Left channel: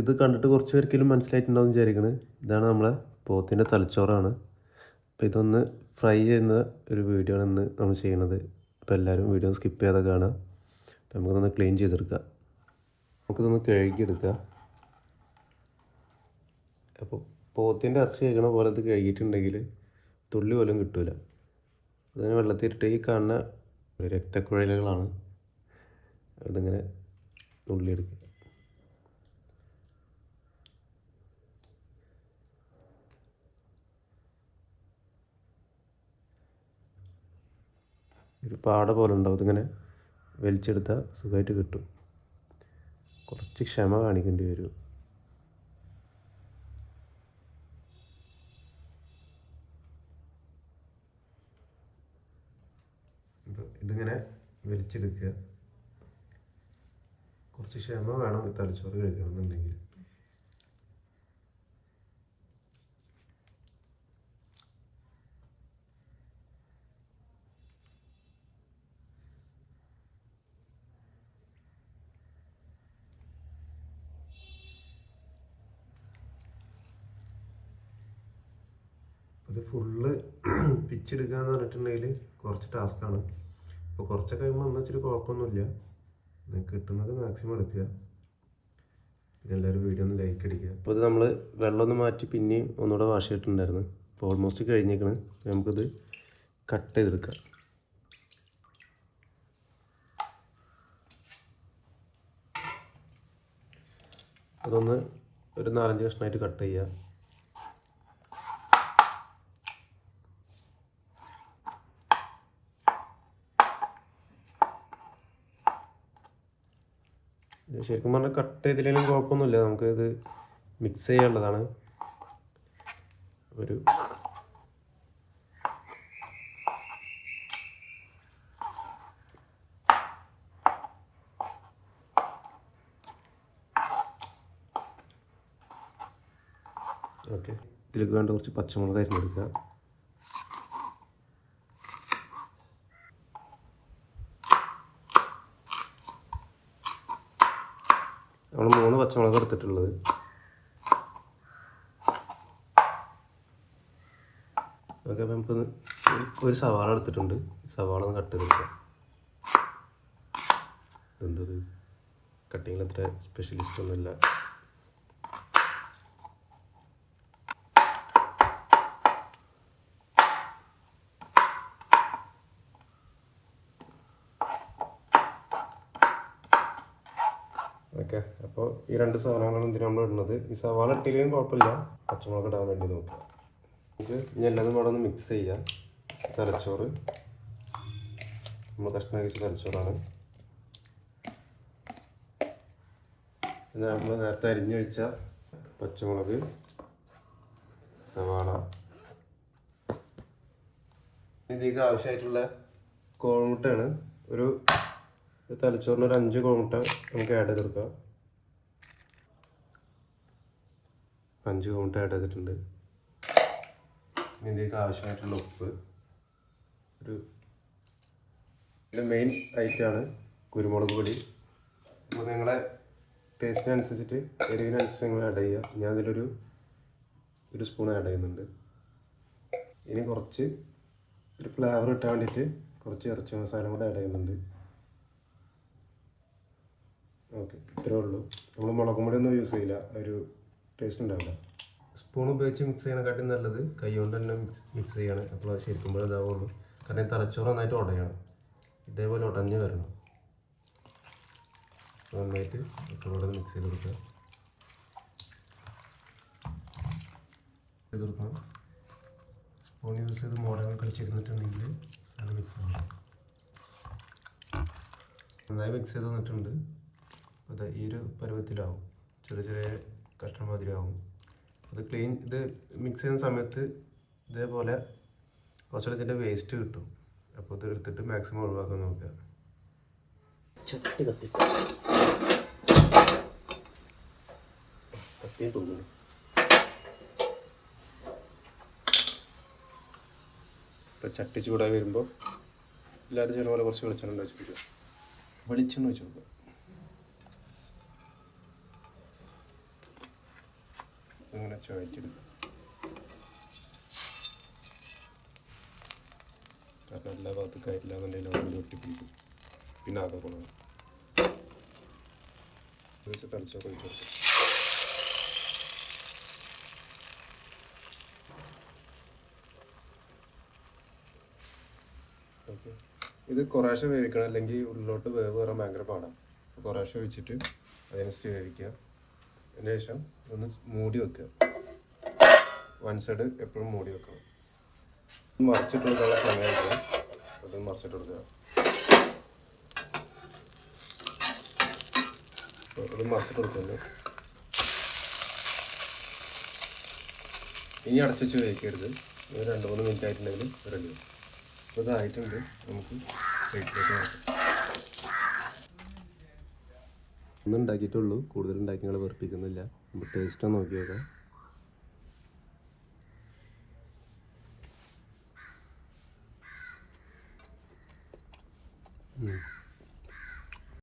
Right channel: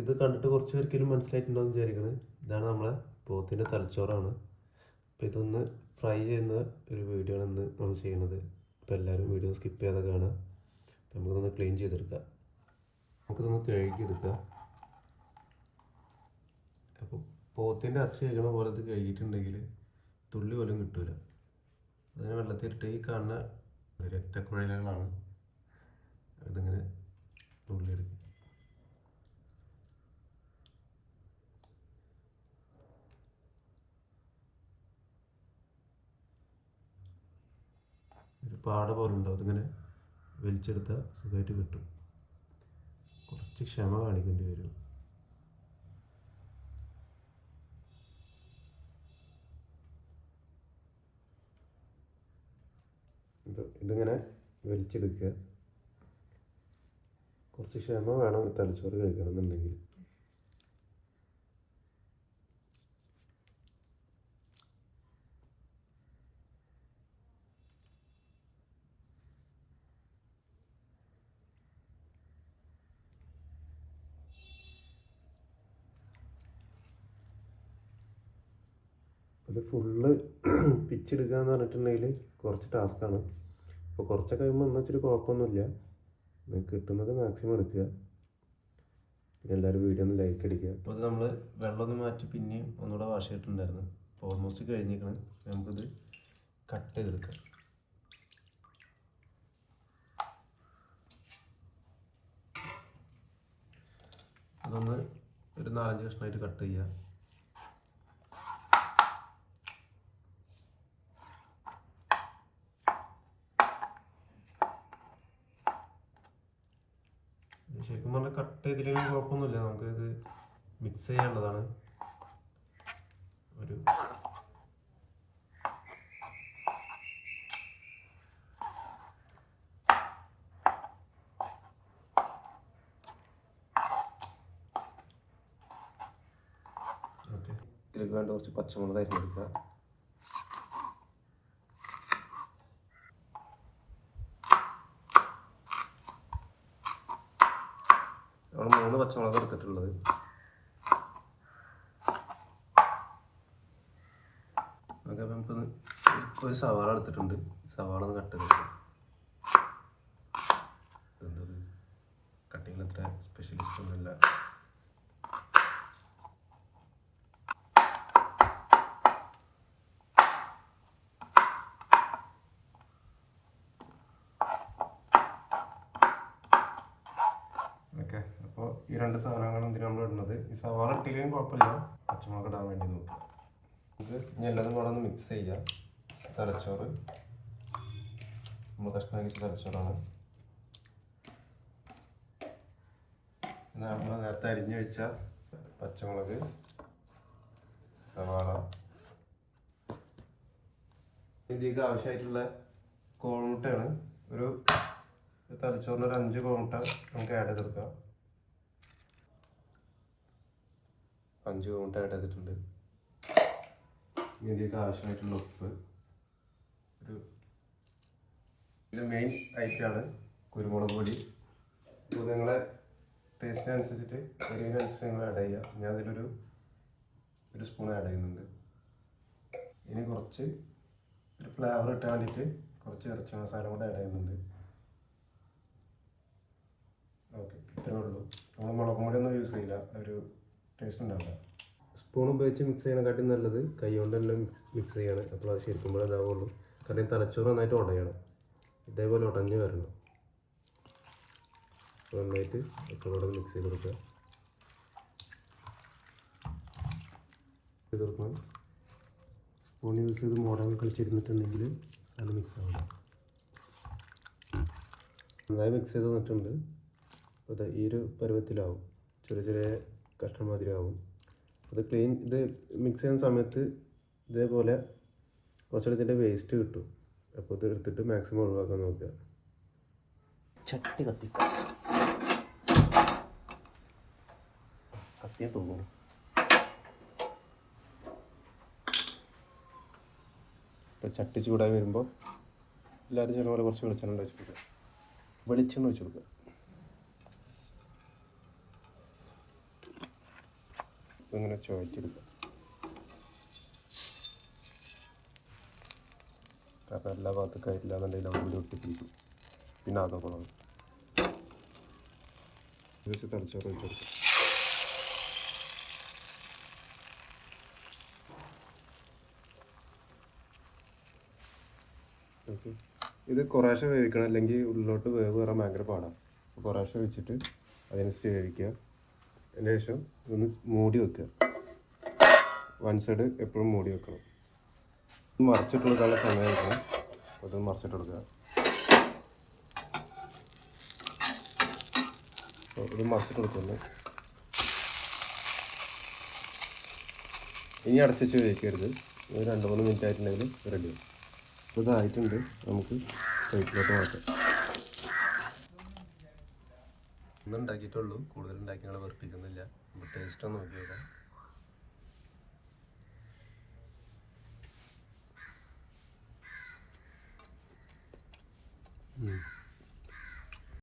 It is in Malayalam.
ഇത് കണ്ടിട്ട് കുറച്ച് പേർക്കെങ്കിലും മനസ്സിലായിട്ടുണ്ടാവും വിചാരിക്കുന്നത്. ഇതാണ് നമ്മളെ പോത്തിൻ്റെ തലച്ചോറാണ്. അപ്പോൾ ഇതൊന്ന് ഫ്രൈ ചെയ്യുന്ന ഒരു വീഡിയോ ആണ് ഇന്ന് നമ്മൾ ചെയ്യുന്നത്. അപ്പോൾ എല്ലാവരും വീഡിയോ സ്കിപ്പ് ചെയ്യാതെ കാണുക. അപ്പോൾ നമുക്കിതൊന്ന് ക്ലീൻ ചെയ്തെടുക്കാം. നമുക്കിതൊന്ന് കഴുകിയെടുക്കുക. അപ്പോൾ പോത്തിൻ്റെ ഇറച്ചി കഴിക്കണ പോലെ ഇത് കഴുകിയിട്ടുണ്ടെങ്കിൽ തുള്ളി പോലും കിട്ടില്ല. അതിന് വെള്ളത്തിലിട്ട് ഈ കാണുന്ന രക്തക്കുഴലുകളാണ്. അതിങ്ങനെ നുള്ളിയെടുക്കുക. ഒരു പാട പോലെ ഉണ്ടാവും. ഇതിങ്ങനെ വലിച്ചെടുത്താൽ സുഖമായിട്ട് കിട്ടും. കുറച്ച് ക്ഷമ കാണിക്കേണ്ടി വരും. ഇതിങ്ങനെ വലിച്ചെടുക്കുക. കുറച്ച് ക്ഷമ വേണം തലച്ചോറ് കഴിക്കണം എന്നുണ്ടെങ്കിൽ. ഇത് ഫുള്ള് പിച്ചെടുക്കുക എന്ന് പറഞ്ഞിട്ടുണ്ടെങ്കിൽ കുറച്ച് ടാസ്ക്കാണ്. അപ്പോൾ കുറച്ചൊക്കെ കഴിയുമ്പോൾ എന്നാൽ ഇച്ചിരി കുഴപ്പമൊന്നുമില്ല. നിങ്ങൾക്ക് കിട്ടുന്നത് മാക്സിമം എടുക്കുക. പിന്നെ എല്ലാവരും വീഡിയോ ഒന്ന് ലൈക്ക് അടിക്കുക. അപ്പോൾ ഇത് നമ്മൾ വെള്ളമൊന്ന് മാറ്റി പിന്നെയും ഒന്നുകൂടെ വാഷ് ചെയ്തിട്ടുണ്ടായിരുന്നു. അപ്പോൾ ഓൾമോസ്റ്റ് കഴിഞ്ഞേക്കണം. നമുക്കിത് കട്ട് ചെയ്തെടുക്കാം. അതൊന്ന് ഒരു 4-5 കഷ്ണമായിട്ട് കട്ട് ചെയ്യുക. ശരിക്കും പറഞ്ഞാൽ കട്ട് ചെയ്തില്ലെങ്കിലും കുഴപ്പമൊന്നുമില്ല. നമുക്കിത് മിക്സ് ചെയ്യാനുള്ളതാണ്. ഒരു ഓക്കെ, ഇതിലേക്ക് വേണ്ട കുറച്ച് പച്ചമുളക് അരിഞ്ഞെടുക്കുക. നമ്മൾ 3 പച്ചമുളക് എടുത്തിട്ടുള്ളത്. ഓക്കെ, അപ്പോൾ നമുക്കൊന്ന് ഒരു സവാള എടുത്തിട്ടുണ്ട്. സവാള ഒന്ന് കട്ട് ചെയ്തെടുക്കാം. എന്തത് കട്ടിങ്ങിൽ അത്ര സ്പെഷ്യലിസ്റ്റ് ഒന്നുമില്ല. ഓക്കെ, അപ്പോൾ ഈ 2 സാധനങ്ങളാണ് എന്തിനാണ് നമ്മൾ ഇടുന്നത്. ഈ സവാള ഇട്ടില്ലെങ്കിലും കുഴപ്പമില്ല, പച്ചമുളക് ഇടാൻ വേണ്ടി നോക്കാം. നമുക്ക് ഇനി എല്ലാതും കൂടെ ഒന്ന് മിക്സ് ചെയ്യാം. തലച്ചോറ് നമ്മൾ കഷ്ണം കഴിച്ച തലച്ചോറാണ്. പിന്നെ നമ്മൾ നേരത്തെ അരിഞ്ഞു വെച്ച പച്ചമുളക്, സവാള, ഇതിലേക്ക് ആവശ്യമായിട്ടുള്ള കോഴിമുട്ടയാണ്. ഒരു തലച്ചോറിന് ഒരു 5 കോഴിമുട്ട നമുക്ക് ആഡ് ചെയ്തെടുക്കാം. 5 കോഴിമുട്ട ആഡ് ചെയ്തിട്ടുണ്ട്. ഇതിലേക്ക് ആവശ്യമായിട്ടുള്ള ഉപ്പ്, ഒരു മെയിൻ ഐറ്റമാണ് കുരുമുളക് പൊടി. അപ്പോൾ നിങ്ങളെ ടേസ്റ്റിനനുസരിച്ചിട്ട് എരിവിനനുസരിച്ച് നിങ്ങൾ ആഡ് ചെയ്യുക. ഞാൻ അതിലൊരു സ്പൂൺ ആഡ് ചെയ്യുന്നുണ്ട്. ഇനി കുറച്ച് ഒരു ഫ്ലേവർ കിട്ടാൻ വേണ്ടിയിട്ട് കുറച്ച് ഇറച്ചി മസാല കൂടെ ആഡ് ചെയ്യുന്നുണ്ട്. ഓക്കെ, ഇത്രേ ഉള്ളൂ. നമ്മൾ മുളകും പൊടി ഒന്നും യൂസ് ചെയ്യില്ല, ഒരു ടേസ്റ്റ് ഉണ്ടാവില്ല. സ്പൂൺ ഉപയോഗിച്ച് മിക്സ് ചെയ്യണക്കാട്ടും നല്ലത് കൈ കൊണ്ട് തന്നെ മിക്സ് ചെയ്യണം. അപ്പോൾ അത് ശരിക്കുമ്പോൾ ഇതാവുള്ളൂ. കാരണം തലച്ചോറ് നന്നായിട്ട് ഉടയണം. ഇതേപോലെ ഉടഞ്ഞ് വരണം. നന്നായിട്ട് ഒക്കെ മിക്സ് ചെയ്ത് കൊടുക്കുക. സ്പൂൺ യൂസ് ചെയ്ത് മോഡൽ കളിച്ചിരുന്നിട്ടുണ്ടെങ്കിൽ സ്ഥലം മിക്സ് ആവും. നന്നായി മിക്സ് ചെയ്ത് തന്നിട്ടുണ്ട്. അപ്പോൾ ഈ ഒരു പരുവത്തിലാവും, ചെറിയ ചെറിയ കഷ്ണം മാതിരി ആവും. ഇത് മിക്സ് ചെയ്യുന്ന സമയത്ത് ഇതേപോലെ കുറച്ചുകൂടി ഇതിൻ്റെ വേസ്റ്റ് കിട്ടും. അപ്പോൾ ഇത് എടുത്തിട്ട് മാക്സിമം ഒഴിവാക്കാൻ നോക്കുക. ചട്ടി തോന്നുന്നു. ഇപ്പോൾ ചട്ടി ചൂടായി വരുമ്പോൾ എല്ലാവരും ചെയ്യുന്ന പോലെ കുറച്ച് വെളിച്ചെണ്ണ ഒഴിച്ച് കൊടുക്കുക. വെളിച്ചെണ്ണ ഒഴിച്ച് കൊടുക്കുക. ഇങ്ങനെ ചുഴറ്റിയെടുക്കും. കാരണം എല്ലാ ഭാഗത്തും കയറ്റില്ല എന്നുണ്ടെങ്കിൽ അവിടെ ഒട്ടിപ്പിടിക്കും. പിന്നെ ആകെ കൊള്ളണം വെച്ച് തളിച്ചൊക്കെ ഒഴിച്ചെടുക്കും. ഓക്കെ, ഇത് കുറേശ്ശെ വേവിക്കണം, അല്ലെങ്കിൽ ഉള്ളിലോട്ട് വേവ് കയറാൻ ഭയങ്കര പാടാണ്. കുറേശ്ശെ വെച്ചിട്ട് അതിനനുസരിച്ച് വേവിക്കുക. അതിന് ശേഷം ഒന്ന് മൂടി വെക്കുക. വൺ സൈഡ് എപ്പോഴും മൂടി വെക്കണം. മറിച്ചിട്ട് കൊടുക്കാനുള്ള സമയത്ത് അത് മറിച്ചിട്ട് കൊടുക്കുക. ഇത് മറിച്ചിട്ട് കൊടുക്കുന്നു. ഇനി അടച്ചു വെച്ച് വേവിക്കരുത്. ഇത് 2-3 മിനിറ്റ് ആയിട്ടുണ്ടെങ്കിൽ റെഡി. ഇതായിട്ടുണ്ട്, നമുക്ക് പ്ലേറ്റിലോട്ട് മാറ്റാം. ഒന്നും ഉണ്ടാക്കിയിട്ടുള്ളൂ, കൂടുതൽ ഉണ്ടാക്കി ഞങ്ങൾ വെറുപ്പിക്കുന്നില്ല. നമുക്ക് ടേസ്റ്റ് ഒന്ന് നോക്കി നോക്കാം.